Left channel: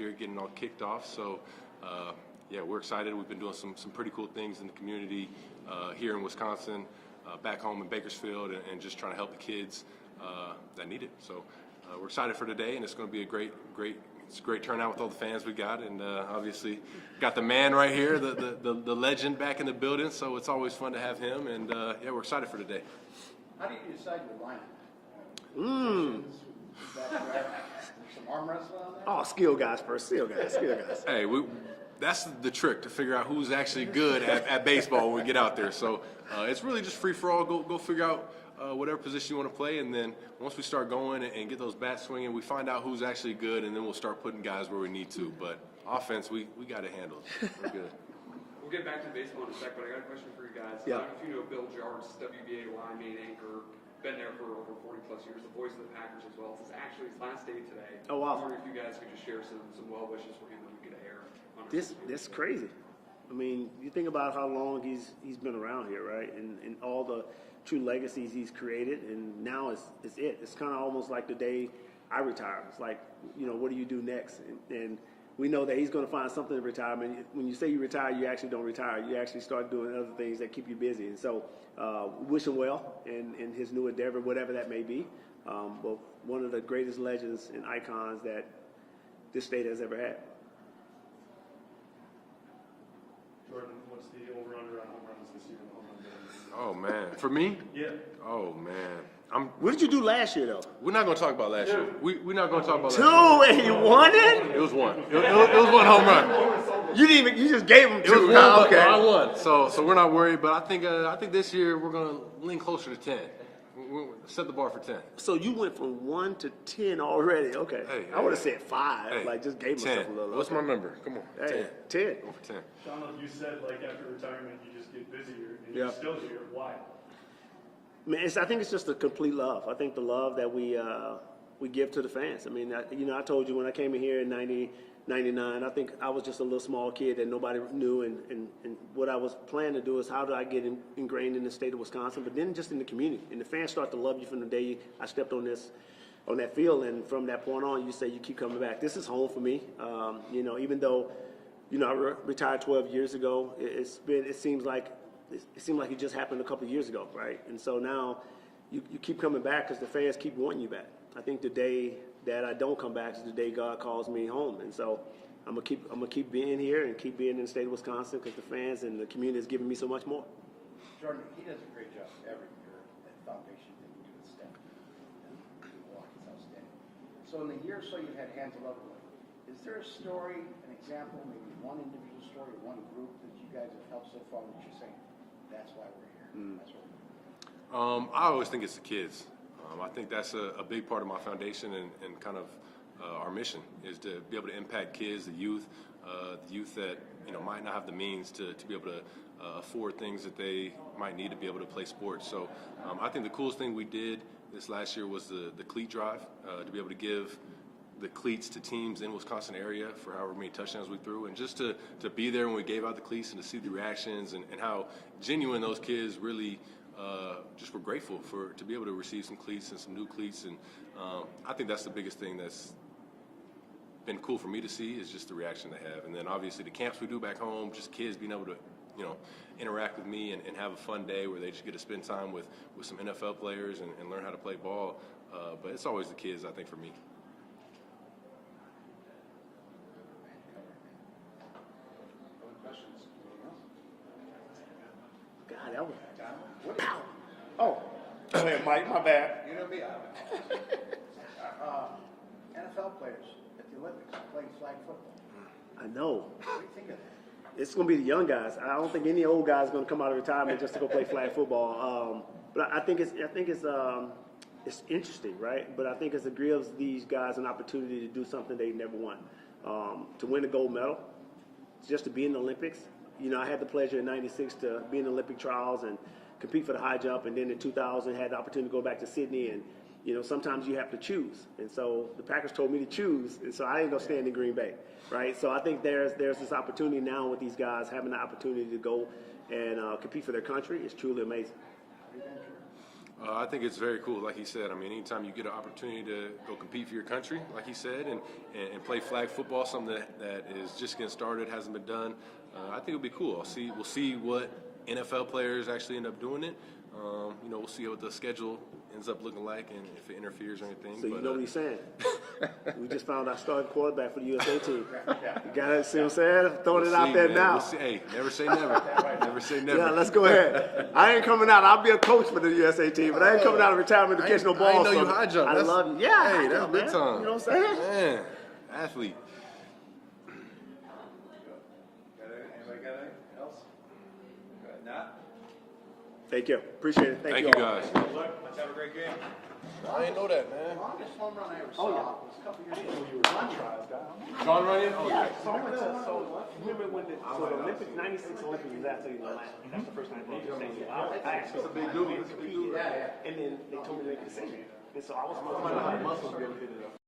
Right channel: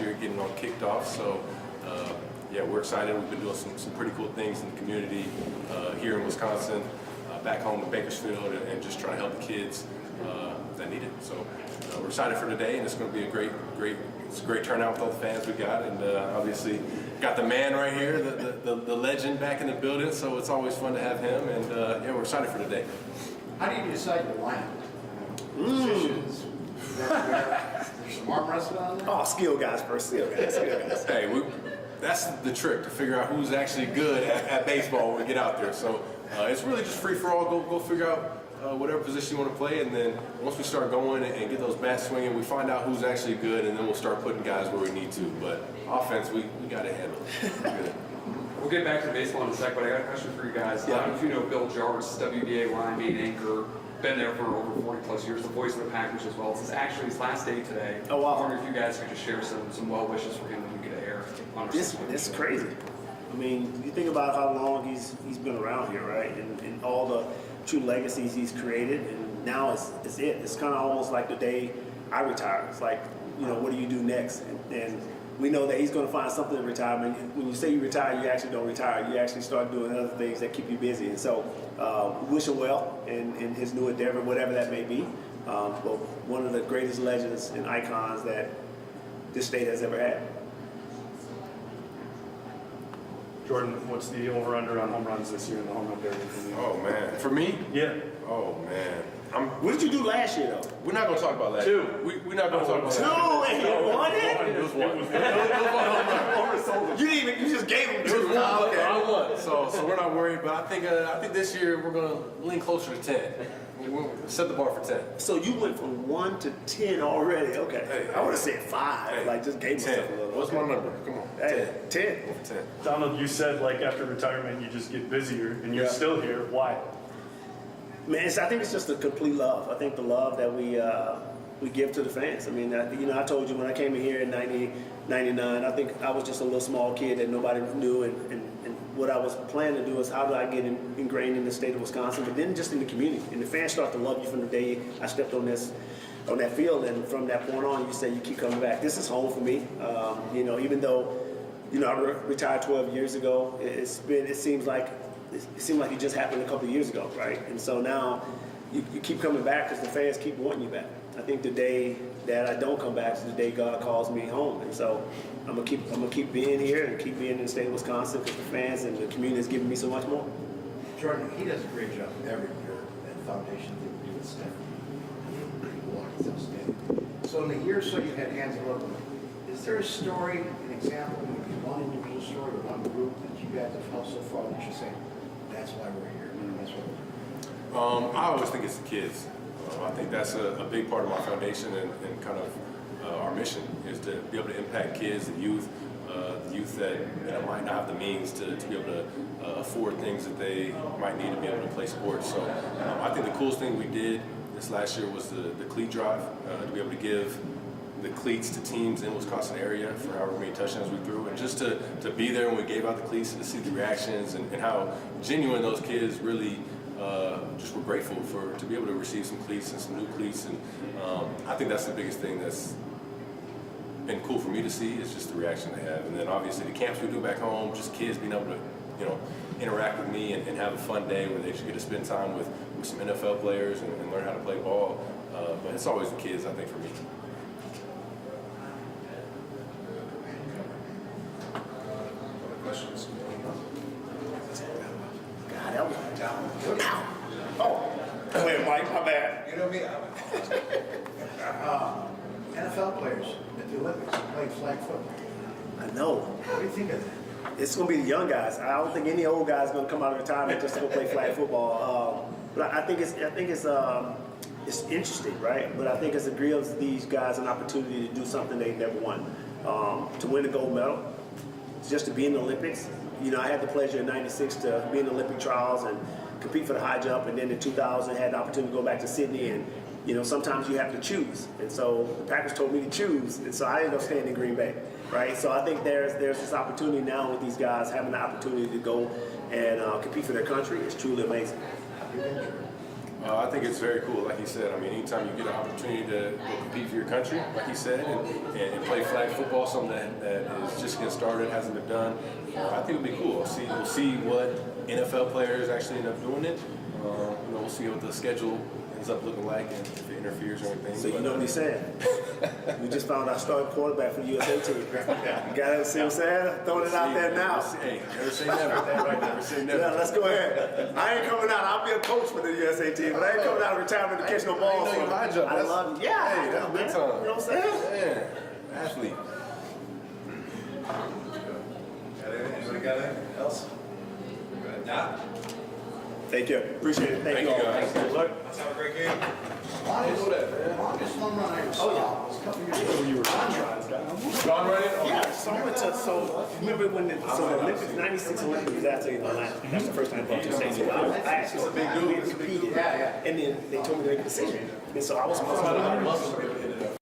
last year, getting on kicked off. So yeah, we're excited. We've been doing some pretty cool things in the community here in Wisconsin, back home in Bakersfield, and just trying to help the kids that need it. So we're excited for today, and it's going to be a great turnout with all the fans we got, and obviously got the man right here, the legend back in the building. So it's always fun to have him, and yeah, we're excited for today. How do you decide your line? Positions? There's some arm wrestling on there? Oh, skill guys first. Skill guys. Hey, that's the trick, to figure out who's actually good at baseball when we get out there. So it's really just free for all. Go figure out whatever position you want to play, and then once we start going and get those bats swinging, we find out who's actually good, and then we'll start putting guys where we need to. But offense, we got to handle it. We'll get back to baseball in a sec, but I got a question for you guys. Yeah. I don't know if you know Bill Jartz, WBA line main anchor, been there for over 40 plus years, the voice of the Packers as well. This is actually his last day today. Oh, wow. I wonder if you guys could just share some well wishes for him when we get to air on our This is crazy. I mean, you think about how long he's been around here, right? And all the true legacies he's created, and now it's it. It's kind of almost like the day I retire. It's like, you know, what do you do next? And we know that he's going to find something in retirement. When you say you retire, you actually don't retire. You actually start doing other things that keep you busy. And so, wish him well in his new endeavor, whatever that may be. But one of the greatest legends and icons that this state has ever had. Jordan, what's the over-under on home runs this year in the home run derby? Oh man, for me? Yeah. Oh man, What did you do last year, though? we're not going to talk about that. We're not going to talk about that. Two, and you won it? It was one. It was one home run. You just gave him It was two. one, Oh, but I won. So we're not worried. But I think this year we're going to lean closer to 10. We'll set the bar for 10. So you went from 1 to 10 already. Okay. Hey, I would have said 5. Hey, Like, just gave 10. myself a little. What's my number? Come on. Hey, 10. 10. Donald, you said like after retirement you just get busier, and you're Yeah. still here. Why? Man, I think it's just a complete love. I think the love that we give to the fans. I mean, I told you when I came in here in 99, I think I was just a little small kid that nobody knew, and what I was planning to do is how do I get ingrained in the state of Wisconsin, but then just in the community. And the fans start to love you from the day I stepped on that field, and from that point on, you say you keep coming back. This is home for me. You know, even though, you know, I retired 12 years ago, it seems like it just happened a couple of years ago, right? And so now you keep coming back because the fans keep wanting you back. I think the day that I don't come back is the day God calls me home, and so I'm gonna keep being here and keep being in the state of Wisconsin because the fans and the community is giving me so much more. Jordan, he does a great job every year at Foundation to do with stuff. He's outstanding. So in the year or so you've had hands all over, is there a story, an example, maybe one individual story or one group that you guys have helped so far that you say, that's why we're here, that's why we're here? I always think it's the kids. I think that's a big part of my foundation and kind of our mission is to be able to impact kids, the youth that might not have the means to be able to afford things that they might need to be able to play sports. So I think the coolest thing we did this last year was the cleat drive, to be able to give the cleats to teams in Wisconsin area for however many touchdowns we threw, and just to be there when we gave out the cleats and to see the reactions and how genuine those kids really just were grateful to be able to receive some cleats and some new cleats. And I think that's the biggest thing that's been cool for me to see is just the reaction they have. And then obviously the camps we do back home, just kids being able to, interact with me and have a fun day where they just get to spend time with some NFL players and learn how to play ball. But it's always the kids, I think, for me. Questions? God, that was oh, go ahead, Mike. My bad. You know me. NFL players at the Olympics playing flag football. I know. What do you think of that? It's going to be the young guys. I don't think any old guy is going to come out of retirement just to go play flag football. But I think it's interesting, right? But I think it gives these guys an opportunity to do something they never won, to win a gold medal, just to be in the Olympics. You know, I had the pleasure in '96 to be in the Olympic trials and compete for the high jump, and then in 2000 had the opportunity to go back to Sydney. And you know, sometimes you have to choose, and so the Packers told me to choose, and so I ended up staying in Green Bay, right? So I think there's this opportunity now with these guys having the opportunity to go and compete for their country. It's truly amazing. I think it's very cool. Like he said, I mean, anytime you get an opportunity to go compete for your country, like he said, and play flag football, something that is just getting started, hasn't been done, I think it'll be cool. We'll see what NFL players actually end up doing it. You know, we'll see what the schedule ends up looking like and if it interferes or anything. So you But, know what he said. We just found our starting quarterback for the USA team. You got to see what I'm saying? Throwing it out there now. Hey, never say never. Never say never. Yeah, let's go ahead. I ain't coming out. I'll be a coach for the USA team, but I ain't coming out of retirement to catch no balls. I know you high jump. I love you. Yeah, Hey, that's big time. You know what I'm saying? Man, athlete. Anybody got anything else? Not? Thank you. Appreciate it. Thank Thank you you all. guys. Let's have a great game. Longest home run I ever saw was a couple years ago. You were Gone running? Oh, Yeah, so I went to, so remember when the Olympics, 96 Olympics was actually in Atlanta. That's the first time I went to St. Louis. I actually competed. Yeah. And then they told me to make a decision. And so I was supposed to